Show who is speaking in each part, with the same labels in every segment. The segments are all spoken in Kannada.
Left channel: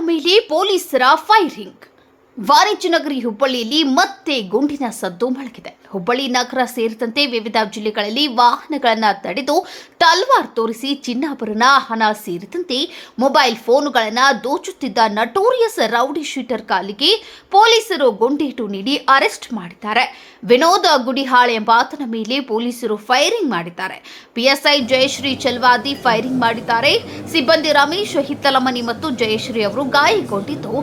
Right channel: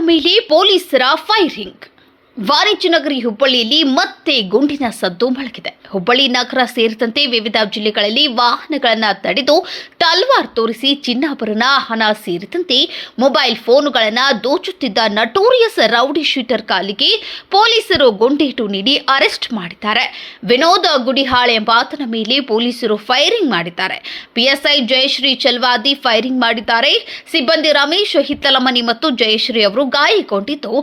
Speaker 1: ಮೇಲೆ ಪೊಲೀಸರ ಫೈರಿಂಗ್ ವಾಣಿಜ್ಯ ನಗರಿ ಹುಬ್ಬಳ್ಳಿಯಲ್ಲಿ ಮತ್ತೆ ಗುಂಡಿನ ಸದ್ದು ಮೊಳಗಿದೆ. ಹುಬ್ಬಳ್ಳಿ ನಗರ ಸೇರಿದಂತೆ ವಿವಿಧ ಜಿಲ್ಲೆಗಳಲ್ಲಿ ವಾಹನಗಳನ್ನು ತಡೆದು ತಲ್ವಾರ್ ತೋರಿಸಿ ಚಿನ್ನಾಭರಣ, ಹಣ ಸೇರಿದಂತೆ ಮೊಬೈಲ್ ಫೋನುಗಳನ್ನು ದೋಚುತ್ತಿದ್ದ ನಟೋರಿಯಸ್ ರೌಡಿ ಶೀಟರ್ ಕಾಲಿಗೆ ಪೊಲೀಸರು ಗುಂಡೇಟು ನೀಡಿ ಅರೆಸ್ಟ್ ಮಾಡಿದ್ದಾರೆ. ವಿನೋದ ಗುಡಿಹಾಳ್ ಎಂಬಾತನ ಮೇಲೆ ಪೊಲೀಸರು ಫೈರಿಂಗ್ ಮಾಡಿದ್ದಾರೆ. ಪಿಎಸ್ಐ ಜಯಶ್ರೀ ಚಲ್ವಾದಿ ಫೈರಿಂಗ್ ಮಾಡಿದ್ದಾರೆ. ಸಿಬ್ಬಂದಿ ರಮೇಶ್ ಹಿತ್ತಲಮನಿ ಮತ್ತು ಜಯಶ್ರೀ ಅವರು ಗಾಯಗೊಂಡಿದ್ದು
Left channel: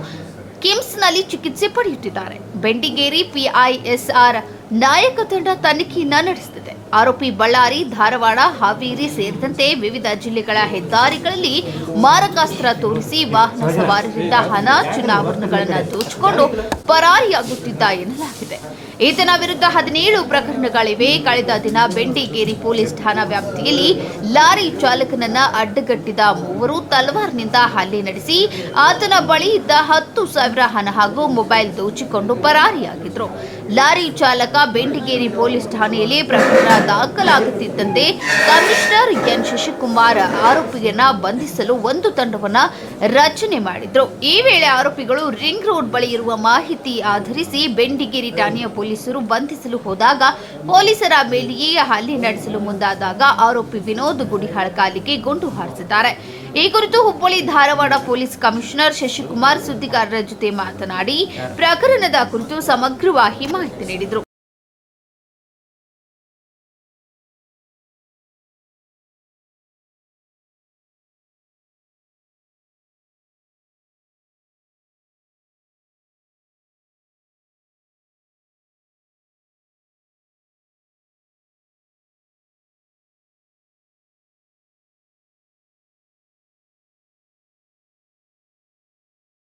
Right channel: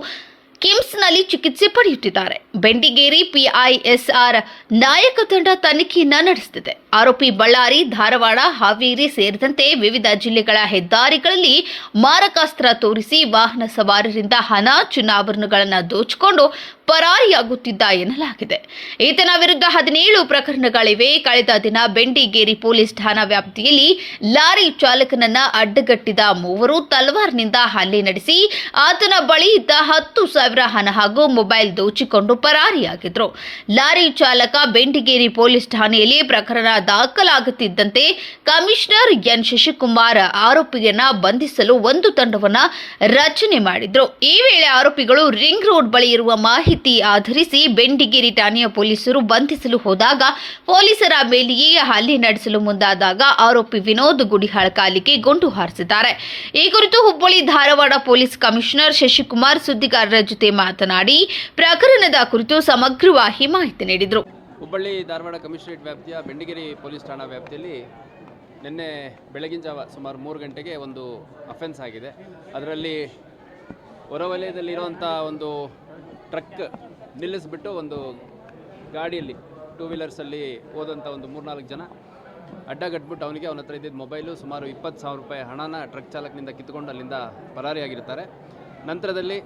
Speaker 1: ಕಿಮ್ಸ್ನಲ್ಲಿ ಚಿಕಿತ್ಸೆ ಪಡೆಯುತ್ತಿದ್ದಾರೆ. ಬೆಂಡಿಗೇರಿ ಪಿಐಎಸ್ಆರ್ ನಾಯಕ ತಂಡ ತನಿಖೆಯನ್ನ ನಡೆಸುತ್ತಿದೆ. ಆರೋಪಿ ಬಳ್ಳಾರಿ, ಧಾರವಾಡ, ಹಾವೇರಿ ಸೇರಿದಂತೆ ವಿವಿಧ ಜಿಲ್ಲೆಗಳ ಹೆದ್ದಾರಿಗಳಲ್ಲಿ ಮಾರಕಾಸ್ತ್ರ ತೋರಿಸಿ ವಾಹನ ಸವಾರರಿಂದ ಹಣ, ಚುನಾವಣೆಗಳನ್ನು ದೋಚಿಕೊಂಡು ಪರಾರಿಯಾಗುತ್ತಿದ್ದ ಎನ್ನಲಾಗಿದೆ. ಈತನ ವಿರುದ್ಧ ಹದಿನೇಳು ಪ್ರಕರಣಗಳಿವೆ. ಕಳೆದ ದಿನ ಬೆಂಡಿಗೇರಿ ಪೊಲೀಸ್ ಠಾಣಾ ವ್ಯಾಪ್ತಿಯಲ್ಲಿ ಲಾರಿ ಚಾಲಕನನ್ನ ಅಡ್ಡಗಟ್ಟಿದ ಮೂವರು ತಲ್ವಾರ್ನಿಂದ ಹಲ್ಲೆ ನಡೆಸಿ, ಆತನ ಬಳಿ ಇದ್ದ ಹತ್ತು ಸಾವಿರ ಹಣ ಹಾಗೂ ಮೊಬೈಲ್ ದೋಚಿಕೊಂಡು ಪರಾರಿಯಾಗಿದ್ರು. ಲಾರಿ ಚಾಲಕ ಬೆಂಡಿಗೇರಿ ಪೊಲೀಸ್ ಠಾಣೆಯಲ್ಲಿ ಪ್ರಕರಣ ದಾಖಲಾಗುತ್ತಿದ್ದಂತೆ ಕಮಿಷನರ್ ಎನ್ ಶಶಿಕುಮಾರ್ ಆರೋಪಿಯನ್ನ ಬಂಧಿಸಲು ಒಂದು ತಂಡವನ್ನ ರಚನೆ ಮಾಡಿದ್ರು. ಈ ವೇಳೆ ಆರೋಪಿಗಳು ರಿಂಗ್ ರೋಡ್ ಬಳಿ ಇರುವ ಮಾಹಿತಿ ಆಧರಿಸಿ ಬೆಂಡಿಗೇರಿ ಠಾಣೆಯ ಪೊಲೀಸರು ಬಂಧಿಸಲು ಹೋದಾಗ ಪೊಲೀಸರ ಮೇಲೆಯೇ ಹಲ್ಲೆ ನಡೆಸಲು ಮುಂದಾದಾಗ ಆರೋಪಿ ವಿನೋದ್ ಗುಡಿಹಾಳ್ ಕಾಲಿಗೆ ಗುಂಡು ಹಾರಿಸಿದ್ದಾರೆ. ಈ ಕುರಿತು ಹುಬ್ಬಳ್ಳಿ ಧಾರವಾಡ ಪೊಲೀಸ್ ಕಮಿಷನರ್ ಶಶಿಕುಮಾರ್ ಸುದ್ದಿಗಾರರ ಜೊತೆ ಮಾತನಾಡಿ ಪ್ರಕರಣದ ಕುರಿತು ಸಮಗ್ರವಾಗಿ ಮಾಹಿತಿ ನೀಡಿದರು.
Speaker 2: ಹುಬ್ಬಳ್ಳಿ ಧಾರವಾಡ ಕಮಿಷನರೇಟ್ ವ್ಯಾಪ್ತಿಯ ಬೆಂಡಿಗೇರಿ ಪೊಲೀಸ್ ಠಾಣಾ ವ್ಯಾಪ್ತಿಯಲ್ಲಿ ನಿನ್ನೆ ಬೆಳಗಿನ ಜಾವ ಸುಮಾರು ಮೂರು ಗಂಟೆಗೆ ಒಂದು ಅಫೆನ್ಸ್ ಆಗಿದೆ. ಅದರಲ್ಲಿ ಹೊರವಲಯದಲ್ಲಿರುವಂಥ ಒಂದು ಟ್ರಕ್ ನಿಲ್ಲಿಸ್ಬಿಟ್ಟು ಒಂದು ಗಾಡಿಯಲ್ಲಿ ಟೂ ವೀಲರ್ಸಲ್ಲಿ ಹೋದಂಥ ಒಂದು ಮೂರ್ನಾಲ್ಕು ಜನ ಅಡ್ಡಗಟ್ಬಿಟ್ಟು ಅವನಿಗೆ ಅವನ ಹತ್ರ ಇದ್ದಿದ್ದ ಮೊಬೈಲು ಸುಮಾರು ಇಪ್ಪತ್ತು ಸಾವಿರ ರೂಪಾಯಿ ಹಣನ ಟ್ರಕ್ ಚಾಲಕನಿಂದ ಕಿತ್ಕೊಂಡು ಅಲ್ಲಿಂದ ಪರಾರಿಯಾಗಿರ್ತಾರೆ. ನಂತರದಲ್ಲಿ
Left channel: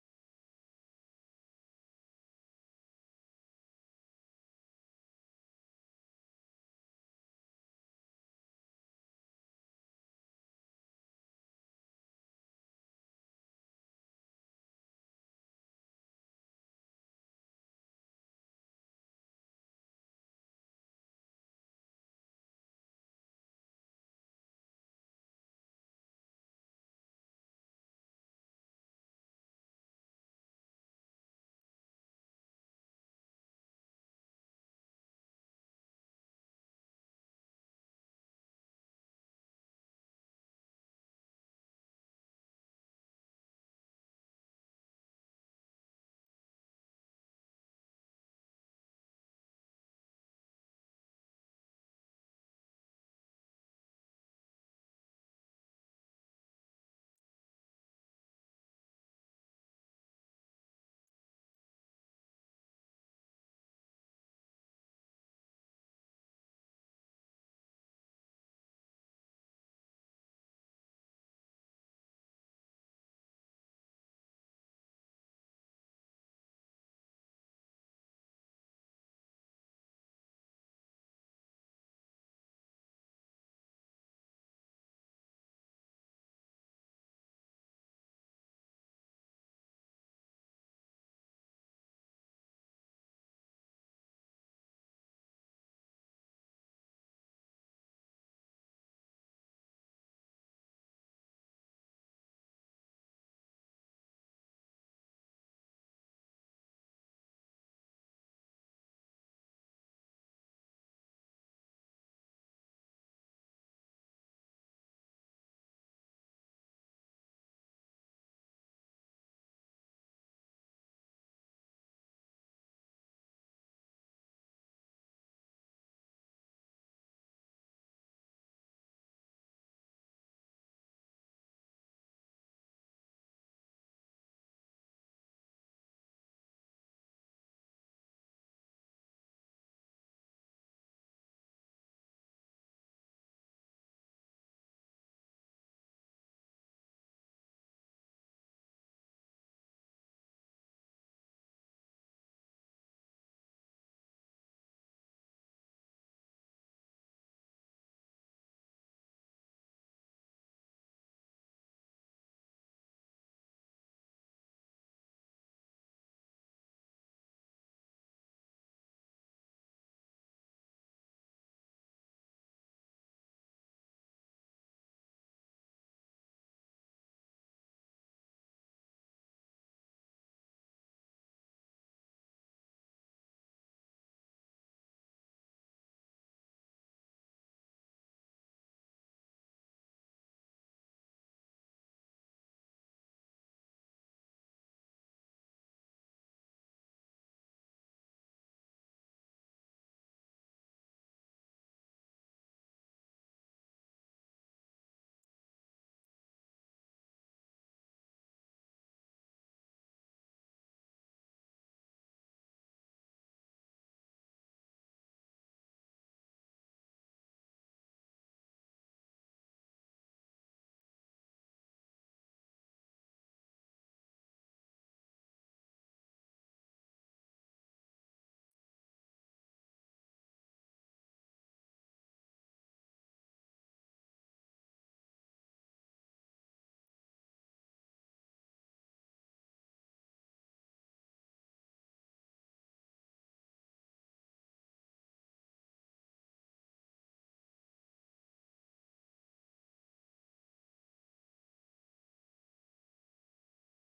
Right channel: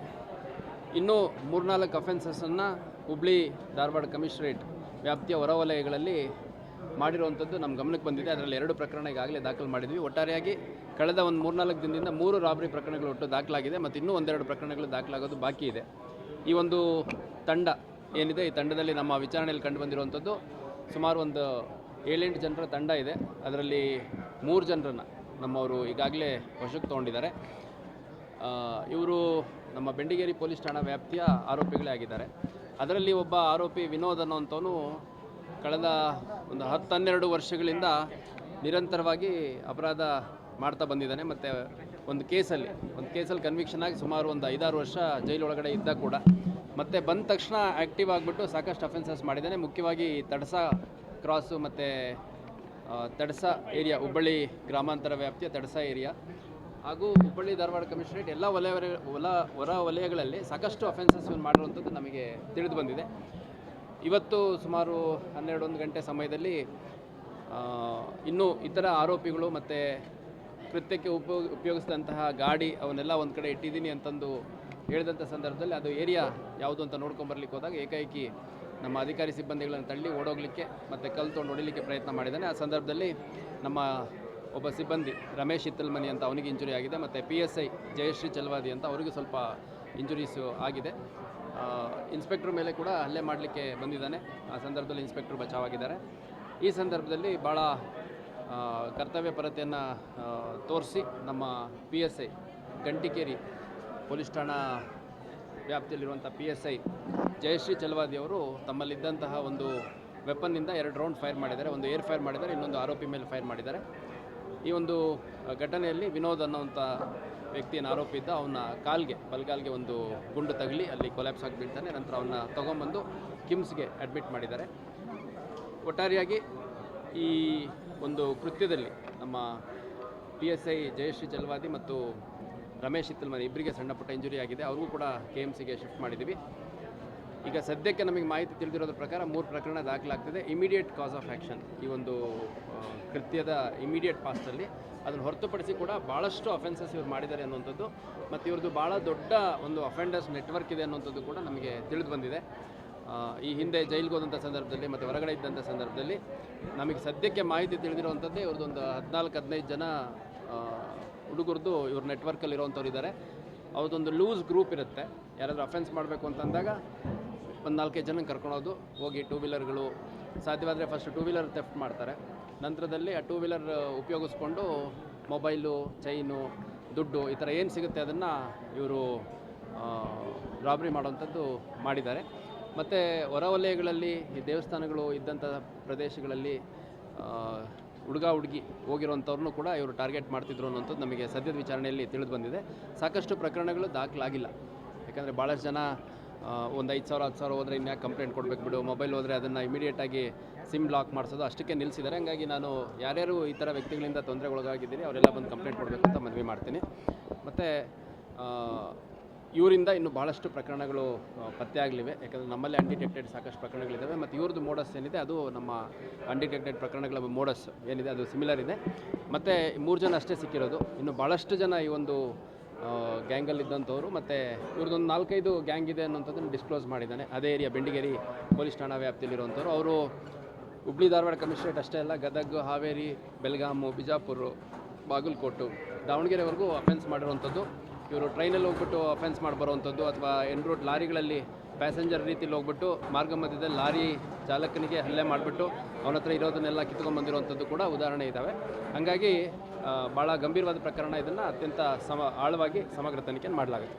Speaker 2: ಇನ್ನೂ ಮೂರ್ನಾಲ್ಕು ಅಫೆನ್ಸಸ್ಸನ್ನು ಹುಬ್ಳಿ, ಧಾರವಾಡ ಕಮಿಷನರೇಟ್ ವ್ಯಾಪ್ತಿಯ ಹೊರವಲಯಗಳಲ್ಲಿ ಮಾಡಿರುವಂಥದ್ದು ನಮ್ಮ ಗಮನಕ್ಕೆ ಬಂದಿದೆ. ಅದರಲ್ಲಿ ಎರಡು ಪ್ರಕರಣ ಈಗಾಗಲೇ ದಾಖಲು ಮಾಡಿದ್ವಿ. ಒಟ್ಟಾರೆಯಾಗಿ ಕಳೆದ ಒಂದು ಮೂರ್ನಾಲ್ಕು ದಿನದಿಂದ ಮೂರು ರಾಬರಿ ಪ್ರಕರಣಗಳು ಒಟ್ಟು ದಾಖಲಾಗಿದೆ ಮತ್ತು ಇನ್ನೂ ಒಂದೆರಡು ಪ್ರಕರಣಗಳು ದಾಖಲಾಗೋದು ಬಾಕಿ ಇದೆ. ಈ ಒಂದು ತಂಡ ಏನಿದೆ? ಈ ತಂಡದಲ್ಲಿ ನಮ್ಮ ವಿಚಾರಣೆಯಲ್ಲಿ ಕಂಡು ಬಂದಿರುವಂಥದ್ದು ಸುಮಾರು ಒಂದು ಏಳೆಂಟು ಜನರ ತಂಡ ಇದೆ. ಅದರಲ್ಲಿ ಮೂರು ಜನರನ್ನು ನಮ್ಮವರು ಈಗಾಗಲೇ ವಶಕ್ಕೆ ತೊಗೊಂಡಿದ್ದಾರೆ. ಇವರು ನಮ್ಮ ಬೆಂಡಿಗೇರಿ ಪೊಲೀಸ್ ಠಾಣಾ ವ್ಯಾಪ್ತಿಯ ಆರೋಪಿಗಳೇ ಆಗಿದ್ದಾರೆ. ಅದರಲ್ಲಿ ಒಬ್ಬ ಆರೋಪಿ ವಿನೋದ್ ಅನ್ನೋಂಥವನು ಕಳೆದ ಒಂದು ಹತ್ತು ಹನ್ನೆರಡು ವರ್ಷಗಳಿಂದ ನಿರಂತರವಾಗಿ ಅಪರಾಧ ಮಾಡ್ತಾ ಬಂದಿದ್ದಾನೆ. ಮತ್ತು ಒಂದು ಕೇಸಲ್ಲಿ ಒಂದು ಕೇಸಲ್ಲಿ ಕನ್ವಿಕ್ಷನ್ ಆಗಿ ಸುಮಾರು ಒಂದು ಐದಾರು ವರ್ಷ ಜೈಲೊಳಗಡೆ ಇದ್ದ ಕೂಡ. ಮತ್ತು ಬಂದ ತಕ್ಷಣ ಆ್ಯಕ್ಟಿವ್ ಆಗಿಬಿಟ್ಟು ಸಾಕಷ್ಟು ಅಫೆನ್ಸಸ್ ಮಾಡಿದ್ದಾನೆ. ಮುಖ್ಯವಾಗಿ ತಡಸ ಕ್ರಾಸು ಮತ್ತು ತಡಸ ಏರಿಯಾ ಹುಬ್ಬಳ್ಳಿ ಗ್ರಾಮಾಂತರ ವ್ಯಾಪ್ತಿಯ ತಡಸ ಏರಿಯಾ ಹಾಗೂ ಹುಬ್ಬಳ್ಳಿ ಧಾರವಾಡ ಕಮಿಷನರೇಟ್ ಎಲ್ಲ ವಲಯ ಹೊಲ ಹೊರ ವಲಯಗಳಲ್ಲಿ ಸಾಕಷ್ಟು ಅಫೆನ್ಸಸ್ ಮಾಡಿರುವಂಥದ್ದು ನಮಗೆ ತಿಳಿದು ಬಂದಿದೆ. ಇವತ್ತು ಸುಮಾರು ಹನ್ನೆರಡು ಒಂದು ಗಂಟೆ ಸಮಯದಲ್ಲಿ ಇನ್ನೂ ಇತರ ಆರೋಪಿಗಳು ಮತ್ತು ಕೃತ್ಯಕ್ಕೆ ಉಪಯೋಗ ಉಪಯೋಗಿಸಿದಂತಹ ಗಾಡಿ ಅವನ್ನೆಲ್ಲ ಒಂದು ಕಡೆ ಇಟ್ಟಿದ್ದೀನಿ ಅಂತಂದು ಹೇಳಿದಂಥ ಸಂದರ್ಭದಲ್ಲಿ ಅದು ಏರಿಯಾ ಯಾವುದು ಅಂತ ನೋಡ್ಕೊಂಬರ್ಲಿಕ್ಕೆ ಹೋದಾಗ ಏಕಾಏಕಿ ನಮ್ಮ ಅಧಿಕಾರಿ ಸಿಬ್ಬಂದಿಗಳನ್ನು ತಳ್ಳಿ ಓಡೋಗ್ಲಿಕ್ಕೆ ಮತ್ತು ತೊಗೊಂಡು ಹೊಡಿಲಿಕ್ಕೆ ಪ್ರಯತ್ನ ಮಾಡಿದ್ದಾನೆ. ಆ ಸಂದರ್ಭದಲ್ಲಿ ನಮ್ಮ ಒಬ್ಬ ಸಿಬ್ಬಂದಿ ರಮೇಶ್ ಹಿತ್ತಲ್ಮನಿ ಅಂತ ಅವನಿಗೆ ಇಂಜುರಿ ಆಗಿದೆ ಮತ್ತು P S I Jayashree Chalwadi ಅಂತ ಅವರಿಗೂ ಸ್ವಲ್ಪ ಇಂಜುರೀಸು ಆಗಿದೆ. ಇನ್ಸ್ಪೆಕ್ಟ್ರ್ ಮೇಲೆ ಕೂಡ ಹಲ್ಲೆ ಮಾಡಲಿಕ್ಕೆ ಬಂದಿದ್ದಾನೆ. ಆ ಸಂದರ್ಭದಲ್ಲಿ ಇನ್ಸ್ಪೆಕ್ಟ್ರ್ ಬಚಾವಾಗಿದ್ದಾರೆ. ಈ ಸಂದರ್ಭದಲ್ಲಿ ಭಾಳ ಕರ್ತವ್ಯಪರತೆಯನ್ನು ಕರ್ತವ್ಯ ಪರತೆಯನ್ನು ತೋರಿಸಿ ನಮ್ಮ P S I Gantikeri police ಠಾಣಾ ವ್ಯಾಪ್ತಿಯಲ್ಲಿರುವಂಥ P S I Jayashree Chalawadi ಅವರು ತಮ್ಮಲ್ಲಿದ್ದಂತಹ ಒಂದು ವೆಪನ್ನಿಂದ ಎರಡು ರೌಂಡ್ ಫೈರ್ ಮಾಡಿದ್ದಾರೆ. ಒಂದು ಏರ್ ಫೈರ್ ಮಾಡಿದ್ದಾರೆ, ಇನ್ನೊಂದು ಆರೋಪಿ ಮೇಲೆ ಫೈರ್ ಮಾಡಿದ್ದಾರೆ. ಈ ಒಂದು ಘಟನೆಯಲ್ಲಿ ವಿನೋದ್ ಅನ್ನೋಂಥ ವ್ಯಕ್ತಿಯನ್ನು ಆರೋಪಿ ಇದ್ದ ಅವನ ಕಾಲ್ಗೆ, ಬಲ್ಗಾಲ್ಗೆ ಒಂದು ಗುಂಡು ತಗಲಿ, ಅಲ್ಲಿ ಕೊಲ್ಯಾಪ್ಸ್ ಆಗಿಬಿಡ್ತಾನೆ ನಂತರ ಅವನ್ನ ತೊಗೊಂಬಂದು ಕಿಮ್ಸ್ಗೆ ಅಡ್ಮಿಟ್ ಮಾಡಿದ್ದಾರೆ. ಒಟ್ಟಾರೆಯಾಗಿ ಈ ಒಂದು ಕೃತ್ಯದಲ್ಲಿ ನಮ್ಮ P S I Jayashree Jalwadi ಮತ್ತು ರಮೇಶ್ ಇತ್ತಲ್ಮನೆ ಇಬ್ಬರಿಗೆ ಸಣ್ಣ ಪುಟ್ಟ ಇಂಜುರಿ ಆಗಿದೆ. ಅವ್ರಿಗೂ ಕೂಡ ಕೆ ಎಂ ಸಿಗೆ ಶಿಫ್ಟ್ ಮಾಡಿದ್ದೀವಿ. ಈಗ ಸದ್ಯಕ್ಕೆ ನಮಗೆ ಮಾಹಿತಿ ತಿಳಿದಿರೋದ್ರ ಪ್ರಕಾರ ಮೂರು ಪ್ರಕರಣ ದಾಖಲಾಗ್ತದೆ. ಇಮಿಡಿಯೇಟ್ ಕಾಸ್ ಆಫ್ ಆ್ಯಕ್ಷನ್ ಈ ಒಂದು ಕೃತ್ಯದ ಇಮಿಡಿಯೇಟ್ ಪಾಸ್ಟಲ್ಲಿ ಅದನ್ನು ಹೊರತುಪಡಿಸಿ ಕೂಡ ಭಾಳಷ್ಟು ಅಫೆನ್ಸಸ್ ಇವ್ರು ಮಾಡಿದ್ದಾರೆ ಅನ್ನುವಂಥದ್ದು. ಮತ್ತು ಇವ್ರದ್ದು ಭಾಳ ದೊಡ್ಡ ಒಂದು ಅಫೆಂಡರ್ಸ್ ನೆಟ್ವರ್ಕ್ ಇದೆ ಅನ್ನುವಂಥದ್ದು ಕೂಡ ನಮಗೆ ತಿಳಿದು ಬಂದಿದೆ ಈ ಹಿಂದೆ ಜೈಲಿಗೆ ಹೋದಂಥ ಸಂದರ್ಭದಲ್ಲಿ ಮತ್ತು ಹೊರಗಡೆ ಇದ್ದಂಥ ಸಂದರ್ಭದಲ್ಲಿ ನಮಗೆ ಸದ್ಯಕ್ಕೆ ಮಾಹಿತಿ ತಿಳಿದಿರುವಂಥದ್ದೇ ಇವ್ರದ್ದೊಂದು ಹದಿನಾಲ್ಕು, ಹದಿನೈದು ಜನ ಹುಡುಗರದ್ದು ಇವ್ರ ನೆಟ್ವರ್ಕಲ್ಲಿ ಇರೋವಂಥವ್ರು ಇದ್ದಾರೆ ಅವ್ರದ್ದೊಂದು ಲೂಸ್ ಗ್ರೂಪ್ ಇರುತ್ತೆ. ಯಾರಾದರೂ ಅಫೆನ್ಸ್ ಮಾಡಬೇಕು ಅಂತಂದಾಗ ಒಂದು ನಾಲ್ಕೈದು ಜನ ಕರ್ಕೊಳೋದು ಹೋಗಿ ಟೂ ವೀಲರ್ಗಳು ಸಾಧ್ಯವಾದರೆ ಫಸ್ಟ್ ಟೂ ವೀಲರ್ ತೆಫ್ಟ್ ಮಾಡ್ತಾರೆ. ನಂತರದಲ್ಲಿ ಆ ಟೂ ವೀಲರ್ ಉಪಯೋಗಿಸ್ಕೊಂಡು ಮೊಬೈಲು ಚೈನು ದುಡ್ಡು ಈ ಥರ ಏನು ಸಿಗುತ್ತೆ ಅದನ್ನು ಇವರು ರಾಬ್ರಿ ಮಾಡುವಂಥದ್ದು ಮಾಡಿದ್ದಾರೆ. ಮತ್ತು ಹೊರವಲಯಗಳಲ್ಲಿ ಈ ದೇವಸ್ಥಾನಗಳು ಇದ್ದಂಥ ಪ್ರದೇಶಗಳಲ್ಲಿ ಹುಡುಗ ಹುಡುಗಿ ಹೋಗಿರುವಂಥವ್ರನ್ನೂ ಕೂಡ ಇವರು ಟಾರ್ಗೆಟ್ ಮಾಡ್ತಿದ್ರು ಅನ್ನೋಂಥದ್ದು ನಮಗೆ ಸದ್ಯದ ವಿಚಾರಣೆಯಲ್ಲಿ ತಿಳಿದು ಬಂದಿದೆ. ಸಾಕಷ್ಟು ಪ್ರಕರಣಗಳು ದಾಖಲಾಗಿಲ್ಲ. ಯಾಕಂದರೆ ಭಾಳಷ್ಟು ಜನ ಒಂದು ಐದು ಸಾವಿರ ಹತ್ತು ಸಾವಿರ ಹೋದರೆ ಇನ್ಯಾಕೆ ಕಂಪ್ಲೇಂಟ್ ಕೊಡಬೇಕು ಬಿಡು. ಮೊಬೈಲ್ ಹೋದರೆ ಅದನ್ನು ಇಮಿಡಿಯೇಟಾಗಿ ಸಿಮ್ ಬ್ಲಾಕ್ ಮಾಡಿಸೋದು ಅಷ್ಟಕ್ಕೆ ನಿಲ್ಲಿಸಿದ್ದಾರೆ ಹಂಗಾಗಿ ನಾನು ಯಾರ್ಯಾರು ಈ ಥರ ವ್ಯಕ್ತಿಗಳಿಂದ ತೊಂದರೆಗೊಳಗಾಗಿದ್ದೀನಿ ಅವರೆಲ್ಲ ಬಂದು ಕಂಪ್ಲೇಂಟ್ ಕೊಡಬೇಕು ಅಂತ ಮನವಿ ಮಾಡ್ತೀನಿ. ಮತ್ತು ಇವರಿಂದ ಇನ್ನು ಭಾಳಷ್ಟು ಪ್ರಕರಣಗಳು ಪತ್ತೆ ಆಗಲಿವೆ. ಯಾಕಂದರೆ ನಮ್ಮಲ್ಲಿ ಅನ್ಡಿಟೆಕ್ಟೆಡ್ ಸಾಕಷ್ಟು ಪ್ರಕರಣಗಳಿದ್ದಾವೆ ಮತ್ತು ಇವ್ರದ್ದು ಮೋಡಸ್ ಏನಿದೆ, ಅದು ನಮ್ಮ ಅನ್ಡಿಟೆಕ್ಟೆಡ್ ಪ್ರಕರಣಗಳ ಮೋಡಸ್ ಏನಿದೆ, ಅದು ಸಿಮಿಲರ್ ಇದೆ. ಮತ್ತು ಮೂರು ಜನ ಅಷ್ಟೇ ಸಿಕ್ಕಿರೋದು. ಇನ್ನು ಭಾಳಷ್ಟು ಜನ ಈ ಒಂದು ಗ್ಯಾಂಗಲ್ಲಿ ಇದ್ದಂಥವ್ರು ಮತ್ತು ಇವ್ರದ್ದೊಂದು ನಾಲ್ಕೈದು ಗ್ಯಾಂಗ್ ಇದೆ ಅನ್ನೋಂಥದ್ದನ್ನು ಡಿಸ್ಕ್ಲೋಸ್ ಮಾಡಿದ್ದಾನೆ. ಅದೇ ಏರಿಯಾ ಬೆಂಡಿಗೇರಿ ಪೊಲೀಸ್ ಠಾಣಾ ವ್ಯಾಪ್ತಿಯಲ್ಲಿರುವಂಥವ್ರು. ಅವರು ಹುಬ್ಳಿ ಧಾರವಾಡ ಕಮಿಷನರೇಟ್ ಅಷ್ಟೇ ಅಲ್ಲ, ಗದಗ, ಹಾವೇರಿ ಬೆಳಗಾಮು ಬಿಜಾಪುರ, ಬಾಗಲಕೋಟು, ದಾವಣಗೆರೆವರೆಗೂ ಅಫೆನ್ಸ್ ಮಾಡಿರುವಂಥದ್ದು. ಇವರು ಟ್ರೈನಲ್ಲಿ ಹೋಗ್ಬಿಟ್ಟು ಅಫೆನ್ಸ್ ಮಾಡಿ ಬರುವಂಥದ್ದು ಅಥವಾ ಎನ್ ರೋಡ್ ಲಾರಿಗಳಲ್ಲಿ ಪ್ಯಾಸೆಂಜರ್ ರೀತಿಯಲ್ಲಿ ಹೋಗ್ಬಿಟ್ಟು ಮಾರ್ಗ ಮಧ್ಯದಲ್ಲಿ ಲಾರಿ ಚಾಲಕನಿಗೆ ಹಲ್ಲೆ ಮಾಡಿಬಿಟ್ಟು ಅವನ ಹತ್ರ ಇರೋದನ್ನೆಲ್ಲ ಕಿತ್ಕೊಂಡ್ಬಂದಿರುವಂಥದ್ದು ಕೂಡ ಉದಾಹರಣೆ ಇದ್ದಾವೆ ಹಾಗಾಗಿ ಭಾಳ ಗಂಭೀರವಾದ ಪ್ರಕರಣ ಇದನ್ನು ಅತ್ಯಂತ ಸಮ ಆಳವಾಗಿ ಸಮಗ್ರ ತನಿಖೆಯನ್ನು ಮಾಡಲಾಗುತ್ತೆ